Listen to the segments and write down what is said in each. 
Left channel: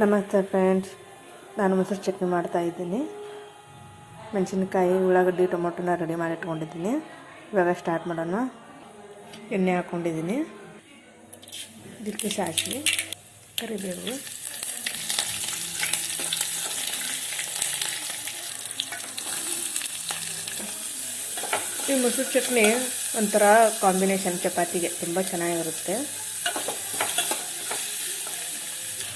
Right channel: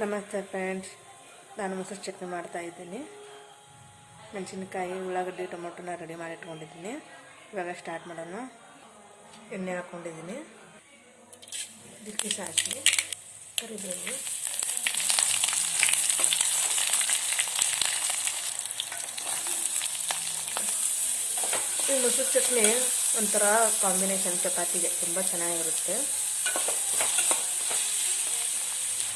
ನಮಸ್ತೆ ಫ್ರೆಂಡ್ಸ್ ನಾನು ಮೊಸರು ಚಟ್ನಿ ಮಾಡ್ತಾ ಇದ್ದೀನಿ. ಮೆಣಸಿನ್ಕಾಯಿ, ಉಳ್ಳಾಗಡ್ಡಿ, ಟೊಮೊಟೊನ ರೆಡಿ ಮಾಡಿ ಇಟ್ಕೊಂಡಿದ್ದೀನಿ. ಇವಾಗ ಸ್ಟಾರ್ಟ್ ಮಾಡೋಣ. ಎಣ್ಣೆ ಹಾಕ್ಕೊಂಡಿದ್ದೀನಿ ಇದಕ್ಕೆ ಸಾಸಿವೆ, ಕರಿಬೇವು, ಈ ಮೊಸರು ಚಟ್ನಿ ಒಂಥರ ಕಾಂಬಿನೇಷನ್ ಚಪಾತಿಗೆ ತುಂಬ ಚೆನ್ನಾಗಿರುತ್ತೆ.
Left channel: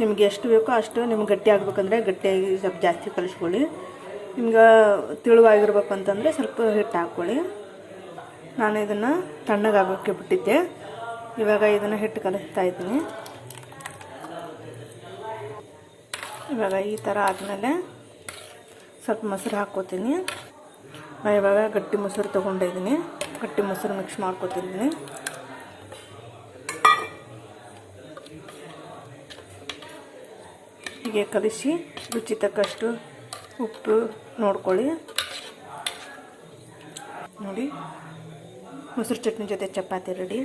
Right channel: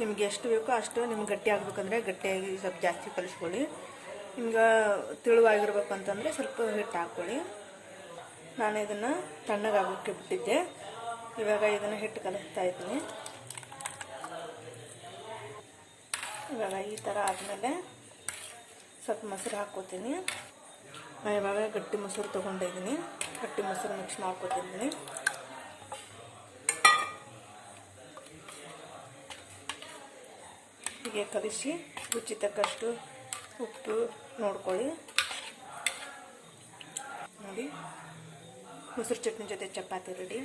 ನಿಮ್ಗೆ ಎಷ್ಟು ಬೇಕೋ ಅಷ್ಟು ನಿಮ್ಗೆ ಗಟ್ಟಿ ಆಗ್ಬೇಕಂದ್ರೆ ಗಟ್ಟಿಯಾಗಿ ಸ್ವಲ್ಪ ಜಾಸ್ತಿ ಕಲಿಸ್ಕೊಳ್ಳಿ. ನಿಮ್ಗೆ ತಿಳುವಾಗಿರ್ಬೇಕು ಅಂತಂದರೆ ಸ್ವಲ್ಪ ಹಿಟ್ಟು ಹಾಕ್ಕೊಳ್ಳಿ. ನಾನು ಇದನ್ನು ತಣ್ಣಗಾಗೋಕ್ಕೆ ಬಿಟ್ಟಿದ್ದೆ. ಇವಾಗ ಇದನ್ನು ಹಿಟ್ಟು ಕಲಿಸ್ತಾ ಇದ್ದೀನಿ. ಇವಾಗ ಈ ಥರ ಆದಮೇಲೆ ಸ್ವಲ್ಪ ಮೊಸರು ಹಾಕ್ಕೋತೀನಿ. ನಾನು ಇವಾಗ ಗಟ್ಟಿ ಮೊಸರು ತೊಗೊಂಡಿದ್ದೀನಿ. ಗಟ್ಟಿ ಮೊಸರು ಮಿಕ್ಸ್ ಮಾಡ್ಕೊತಿದ್ದೀನಿ. ಹೀಗೆ ಕಲಿಸಿ ರುಚಿ ತಕ್ಕಷ್ಟು ಉಪ್ಪು ನೋಡ್ಕೊಳ್ಳಿ. ನೋಡಿ ಮೊಸರು ಚಟ್ನಿ ಜೊತೆ ಚಪಾತಿ ರೆಡಿ.